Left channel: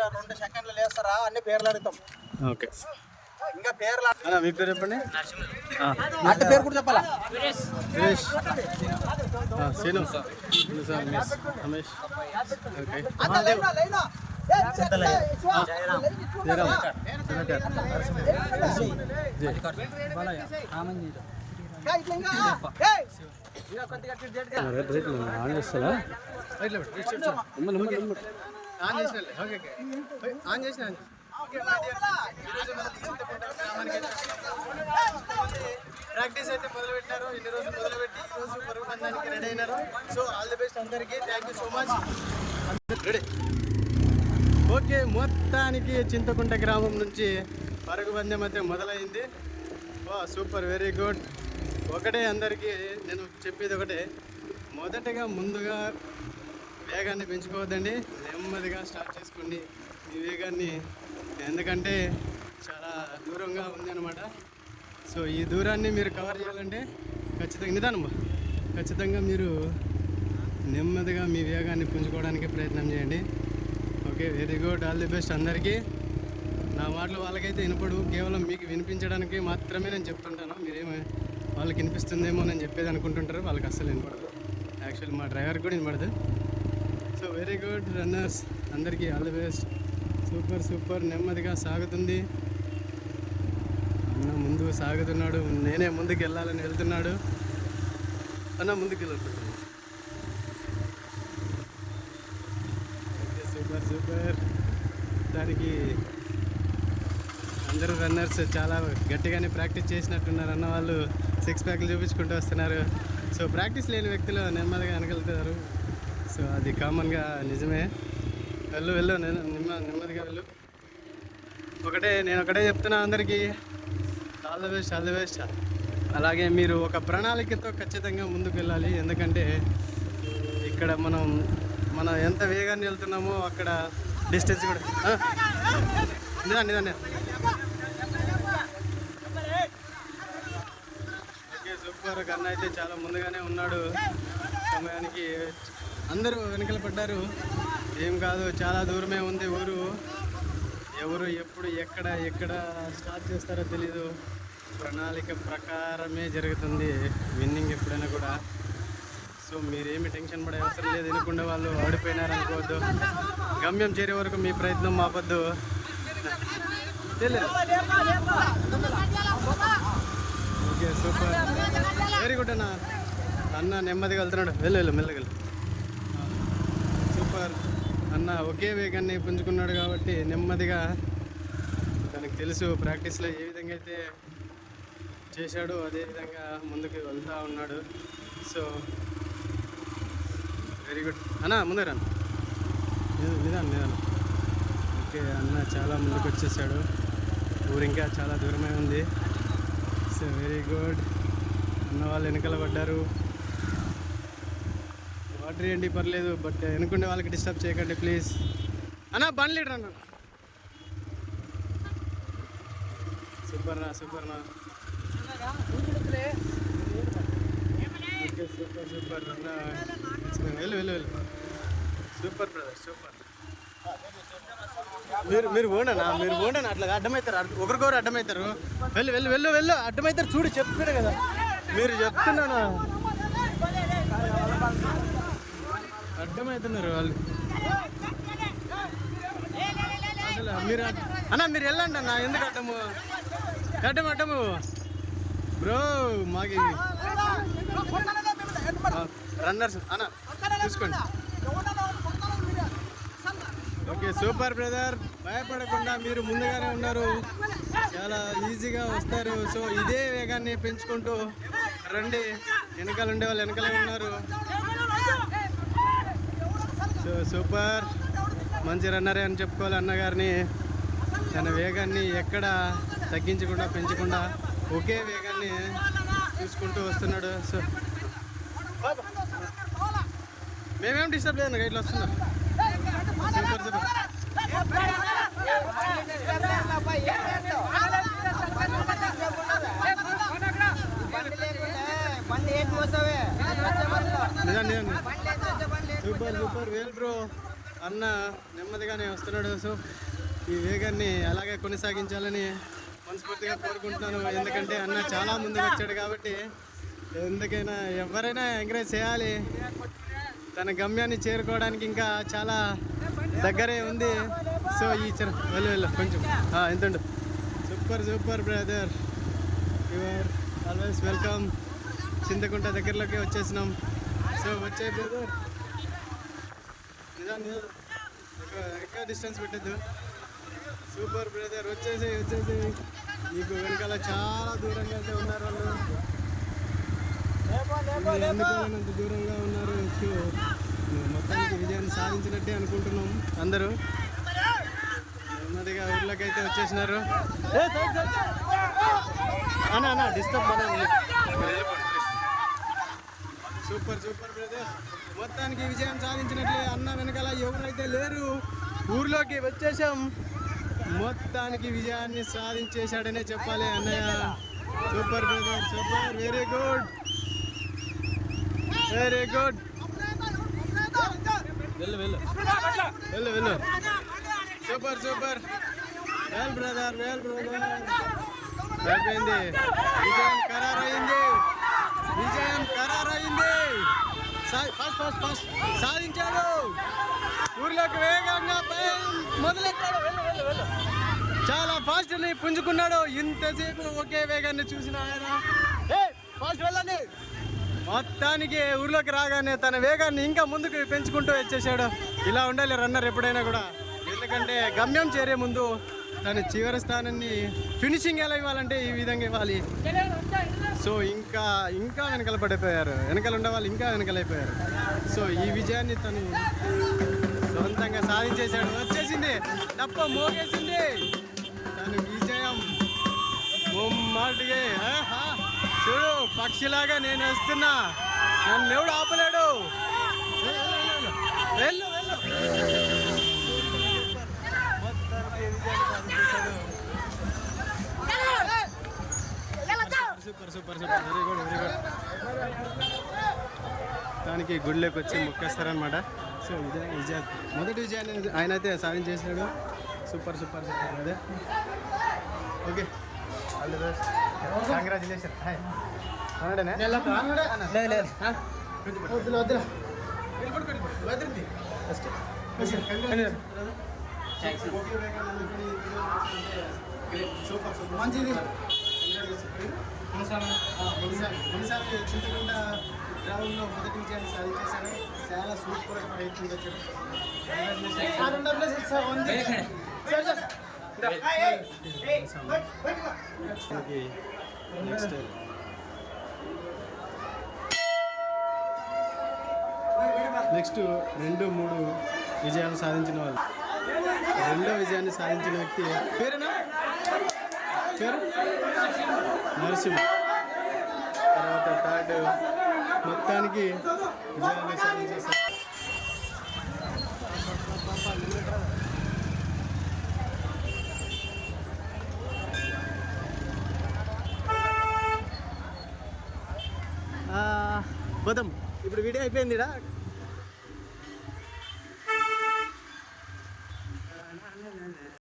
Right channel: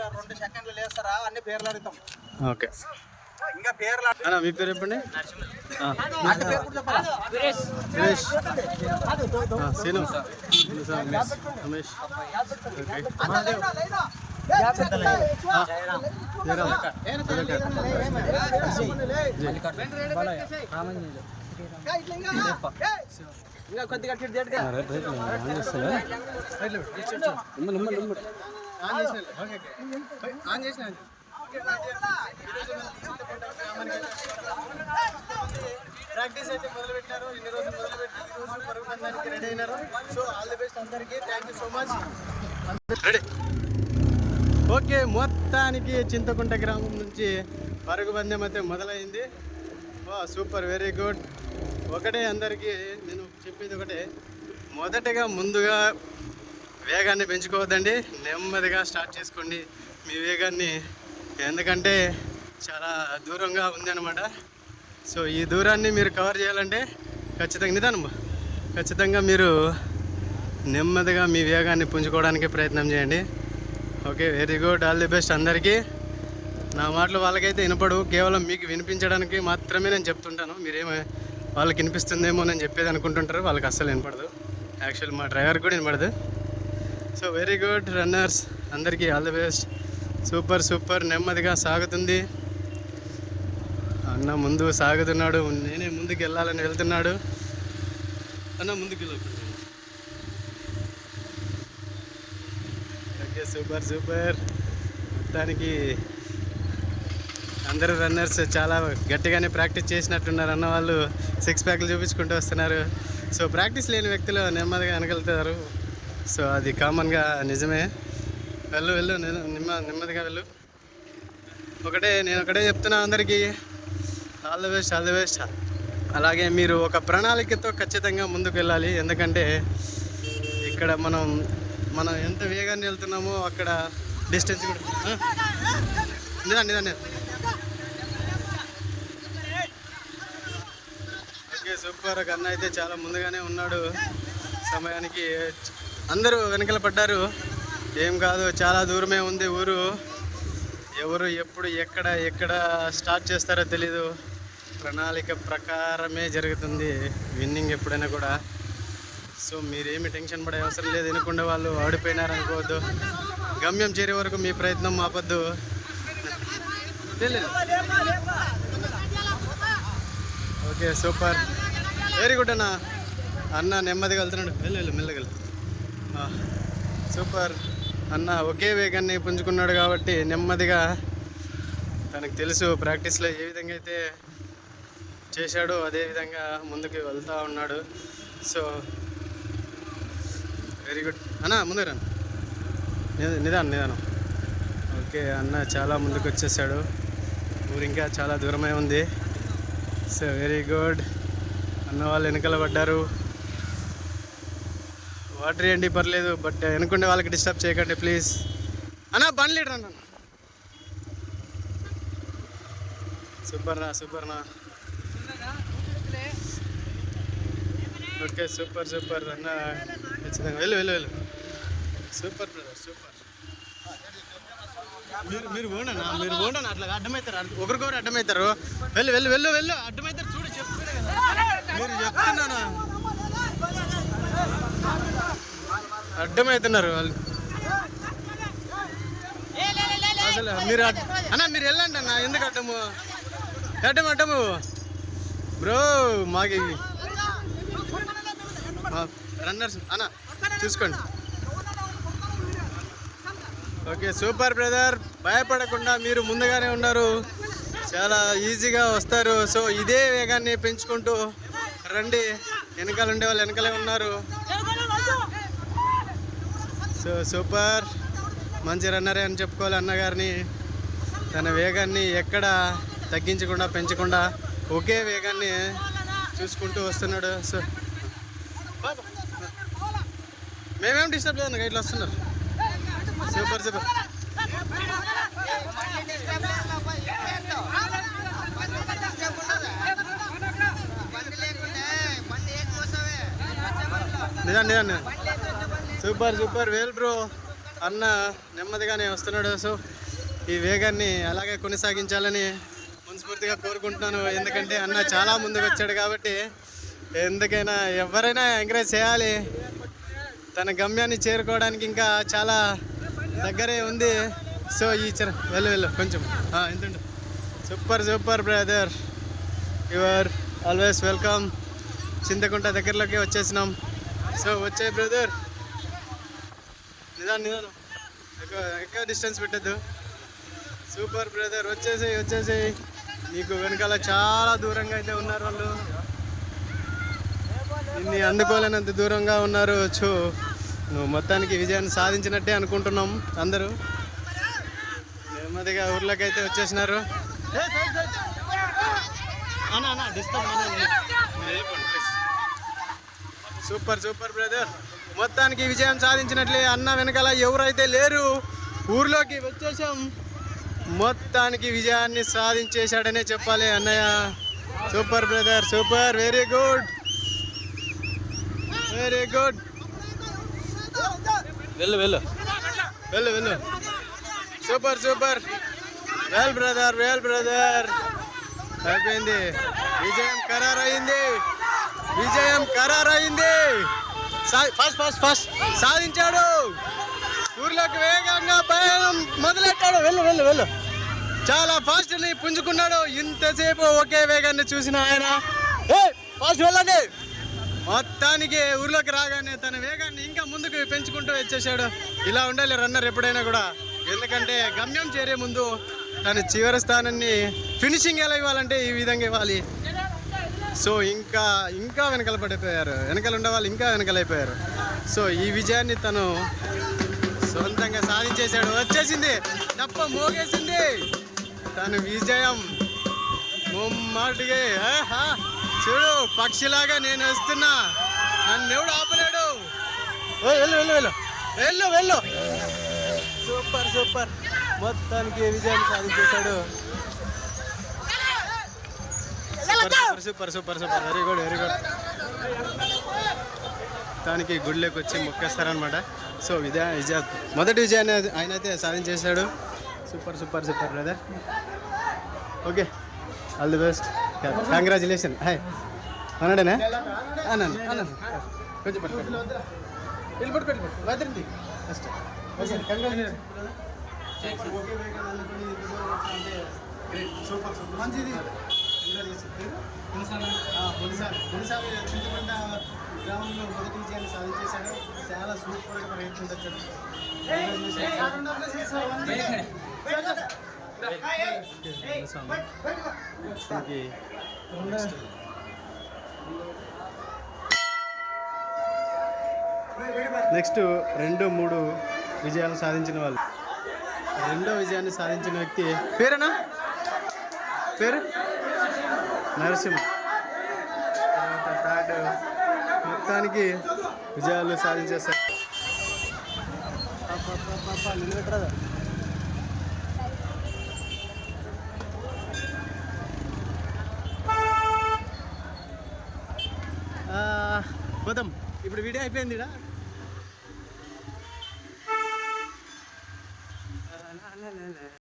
ఇంకా 2 సెకండ్లు లేస్తారా అన్ని పేర్లు అడుగుతాం. ఓకే ఇంకా పేర్లు అన్న మీ పేరు చెప్పండి. పేరు కూడా చెప్పాలా? Suresh, Seenu, Ramesh, Ramesh, okay Jayaram, Sudhakar, right on చేస్తా ఆన్ చేసిన ప్రాక్టీస్ అయితే మొదలు పెట్టినారు. ఇన్ని రోజులు మొదలుపెట్టి ఈ రోజు పరుగు పందానికి రెడీ అయినారు. సో ఆల్ ది బెస్ట్ అందరికీ. Thank you so much. Ready okay. మొత్తానికి చింతకుంట గ్రామం నుంచి పరుగు పందెం అయితే మొదలైంది. Super, very good. ఒకటే అందరికీ నేను చెప్పేది ఒకటే, మొదటగా ముందుగా వేగాన్ని పెంచుకోవద్దండి, నెమ్మదిగా స్టార్ట్ చేసుకోండి మీ వేగాన్ని. ఎందుకంటే చాలా దూరంగా ఉంది అనమాట. సో ఈ దూరాన్ని మీరు కవర్ చేయాలంటే ఖచ్చితంగా మీరు నెమ్మదిగా మీ వేగాన్ని పుంజుకోవడానికి ప్రయత్నం చేయండి. Okay, very good, all the best అందరికీ. నా మాటలు వాళ్ళకైతే వినపడు, కేవలం మీకు వినిపించడానికి మాత్రమే నేను చెప్తుంటాను. మీరేమో వాళ్ళకి వినిపిస్తుందేమో నేను చెప్పేది అనుకుంటుంటారు, వాళ్ళకి అస్సలు వినపడదు. యాక్చువల్ మా డ్రైవర్కి కూడా వినపడదు. సో వెరీ గుడ్ రన్నర్స్, అందరికీ all the best. Super super, నెమ్మదిగా సాగుతుంది. అన్న ముందు సాగుతున్నాడు, నేనే ముందుకు వెళ్ళాలని వెళ్తున్నాడు. అన్న ముందుకు వెళ్తున్నాడు. Okay, super super. మొత్తానికి అందరూ రన్నర్స్ చాలా గట్టిగానే ప్రాక్టీస్ చేసినట్టున్నారు. అన్న వాళ్ళు 6 ప్యాక్లు చూపించుకుంటూ వస్తున్నారు. సో ప్రాక్టీస్ లేని వ్యక్తులు నెమ్మదిగా వెనకెళ్తారు. సో అది కామన్గా నిజమే. వెళ్ళు నెమ్మదిగా వెళ్ళు. నేను ఒకటే చెప్తున్నా అందరికీ, ఆల్ ది బెస్ట్. అలాగే మీరు ఒక ప్రణాళికతో ఖచ్చితంగా ముందుకు వెళ్ళాలి. ఎందుకంటే ఇక్కడ మనం ఎంత వేగాన్ని వెళ్తున్నామో అక్కడ డిస్టెన్స్ కూడా నిదాన్ని. Okay, super. కన్నా అయితే చాలా ముందుగానే ఉన్నాడు. సమయానికి అందరూ వెనకల పడ్డారు. ఏం కాదు, చాలా దూరమే ఉంది ఊరు. ఎవరు ఎప్పుడు ఎక్కడ స్టార్ట్ చేస్తారో తెలీదు. ప్రణాళిక ప్రకారమే జరుగుతుంది విన్నింగ్ ఎప్పుడైనా కూడా. సో మీరేమి టెన్షన్ పడే అవసరం లేదు. వినకుండా వాళ్ళు ఆడిపోయినారనుకోవద్దు. గమ్యం చేరే వరకు మీ ప్రయత్నం ఆపద్దు. తెలియదు. ఓకే, సూపర్, వెరీ గుడ్ అన్న నెమ్మదిగా వెళ్తున్నాడు. వెళ్ళు మెల్లగలు. సూపర్ అన్న ఒకే వేగాన్ని పుంజుకున్నాడు కాబట్టి నెమ్మదిగా, తనకు తెలుసు ప్రాక్టీస్లో ఏ విధంగా అయితే చేశాడో అదే విధంగా ముందుకు వెళ్తూ ఉన్నాడు. సో వెరీ గుడ్ అన్న, ముందుకు రా. నిదానం. ఓకే, అన్న చాలా ముందుకు వచ్చేసాడు. ఊరు ఇంకా చాలా దూరమే ఉంది. So very good. అన్న వాళ్ళు వెనకాల పడ్డారు. వాటర్ ఇవ్వండి పర్లేదు, బట్ వెనుకుండే వాళ్ళకి డిస్టర్బ్ చేయకండి ప్లీజ్. అన్న బండి లీటర్ అన్న. సూపర్నా. ఓకే, సూపర్ అన్న. ఖచ్చితంగా వెళ్ళు. Super brother, super. మీరు పోండనా అట్లా అడ్డమవుతారు, ఒకరికొకరు అడ్డమవుతారు. వెళ్ళు అడ్డమవుతారు. చూడు చెప్తారు కదా, మీరు చెప్తున్నాను అడ్డమవుతున్నారు వాళ్ళు. అసలు మీరు వెళ్ళండి అన్న. ఎందుకు అడ్డము బ్రో? మాకి రన్నర్స్ అన్న చూసుకోండి. Okay, super brother. భయపడకుండా మీరు ముందుగానే ఉన్నారు, చాలా ఈజీగా వస్తారు. సో ఇదే వేగాన్ని పెంచుకుంటూ రండి. వెనకాల ఉండే వాళ్ళు వెనకాలే ఉన్నారు. సో సూపర్, మంచి రన్నరే అని చెప్పుకోవాలి అన్నగారిని. తన వేగాన్ని ఎక్కడ తగ్గించకుండా పెంచకుండా ఒకే వేగాన్ని చూసుకుంటూ వస్తున్నాడు. సో మేమేం డిస్టర్బ్ లేదు, ఇట్లా వస్తున్నారు. సూపర్. నిజాన్ని సూపర్ వెల్ బ్రో. అన్న నెమ్మదిగానే వస్తున్నాడు. సో ఈ వేగాన్ని అలాగే కొనసాగించాలని మనస్ఫూర్తిగా కోరుకుంటున్నాను. ఎందుకంటే అన్న చాలా ముందుకు వచ్చాడు కాబట్టి ఎందుకైనా ఎవరైనా ఎంకరేజ్ చేయాలి. తన గమ్యాన్ని చేరుకోవడానికి ఇంకా చాలా దగ్గరే ఉంది. సో ఈ వెళ్ళు కొంచెం ఎంతండు. Super brother, your always welcome. Chintakunta దగ్గరలోకి వచ్చేసినాం. సో వచ్చే బ్రదర్, నిదానం ఎక్కువ డిస్టెన్స్ పెట్టద్దు. సూపర్ బ్రదర్, వచ్చేసేయి. నీకు వెనకాల చాలా దూరంగా అయితే ఉన్నారు వాళ్ళు, నిన్ను అందుకోలేనంత దూరంగా ఉన్నారు. చూ నువ్వు మొత్తానికి విజయాన్ని సాధించినట్టే అనుకుంటున్నాం అందరూ. నెమ్మదిగా ఊర్లోకి అయితే వచ్చేసినారు. డిస్టర్బ్ సూపర్ బ్రదర్, మొత్తానికి విజయం సాధించినట్లే. అన్న వెనకాల ఎవరైతే లేరు, ఊర్లోకి వచ్చేసాం. మొత్తానికి విజయాన్ని సాధించేశాడనే చెప్పాలి అన్నయ్య. Super brother, super, very good. వెళ్ళు. Super, well brother. అయిపోయింది, విజయం ఖరారైంది. ఫస్ట్ సాధించాడు. ఊర్లోకి వేగంగా పయనం మొదలెట్టాడు. వెళ్ళు. చాలా ఫాస్ట్ని పుంజుకున్నాడు. ఇంతసేపు ఒకే వేగాన్ని చూసిన ఆయన ఫాస్ట్ వెళ్ళండి. మొత్తానికి ఊర్లోకి రాగానే తన వేగాన్ని ఇంకా ముందుకు పెంచుకుంటూ వచ్చేసాడు. ఇలా ఉండాలి రన్నర్ ఎప్పుడైనా కూడా. ఎందుకంటే గమ్యం చేరే ముందు తన చివరి స్థానాన్ని ఫినిషింగ్ ఎలా ఇవ్వాలంటే ఈ విధంగా ఇవ్వాలి. సో ఇంకా వెనకాల పడిపోయారు. వెనకాల ఉండేవాళ్ళు ఇంకా వెనకాలైపోయారు. సో ఈ విజయాన్ని తను సొంతంగా సాధించేశాడు. వచ్చేసింది, తప్ప మోగేసింది తను విజయం ముమ్మాటిగా. చూడు, పక్షిలాగా నేను వస్తున్నా, నన్ను ఎవడు ఆపలేడు. వెళ్ళు. సూపర్, మొత్తానికి విజయాన్ని సాధించేశాడు. Super, very good. దానికి గుడిలోకి వచ్చి మొక్కేస్తారనమాట. సో మొదటి విజయాన్ని ఆయన అయితే సాధించేశాడు. Super brother. Okay, all the best, congratulation. Hi అన్నాడేనా? సూపర్ మంచిది. మునిసామి చింతకుంట గ్రామంలో మొదటి విజయాన్ని సాధించేశాడు. చాలా సూపర్గా ప్రయత్నించాడు. నెక్స్ట్ 2-3 విజయాలు సాధించిన వాళ్ళు. రెండో విజయాన్ని సాధించిన వ్యక్తి పేరు నరసింహ. తర్వాత థర్డ్. మొత్తానికి విజయాలు సాధించేశారు. పోదాం, ఇప్పుడు వీడియో అయిపోయిందిడా.